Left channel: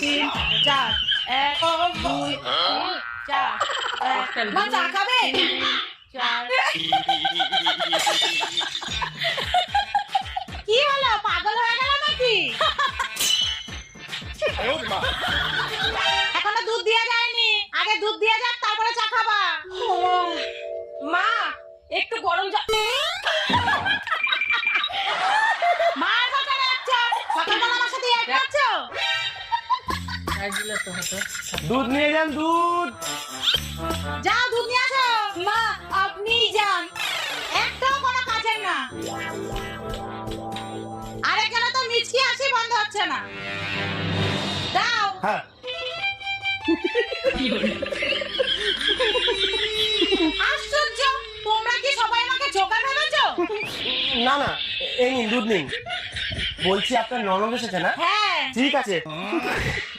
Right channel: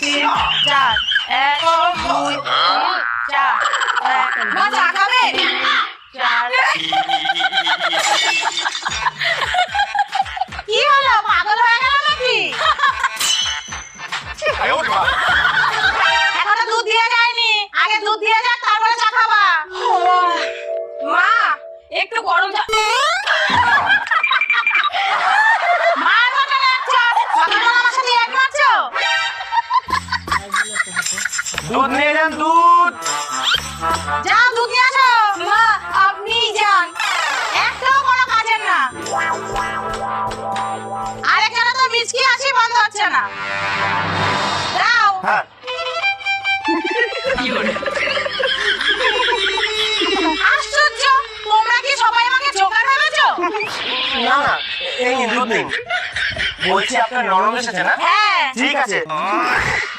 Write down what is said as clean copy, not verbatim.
তিন চার 1 2 3 4 মা চা খাবে? 4 কি হলো, পাগল হয়ে গেল নাকি? এখনো দুধ দিয়ে যায়নি, আগে দুধ দিয়ে যাক তারপরে চা খাবা। মা একটু গরম চা। মার কথা ডাকছো, সকালবেলা আমার সাথে এক করছো? দুধ নিয়ে যান, দুধ। যাও দুধ নিয়ে আসো। মা আপনিই যান, একটাও কোনো কাজের না। আর এখানে তো মিচকি আসি বন্ধ হচ্ছে না। দাও। হ্যাঁ, আশ্চর্য, তোমরা কি সবাই আমাকে জোকার ভেবেছো? না না, এই নিন, দুধ নিন। বলছি আপনার ননদ এসেছে না? হ্যাঁ। ঠিক আছে।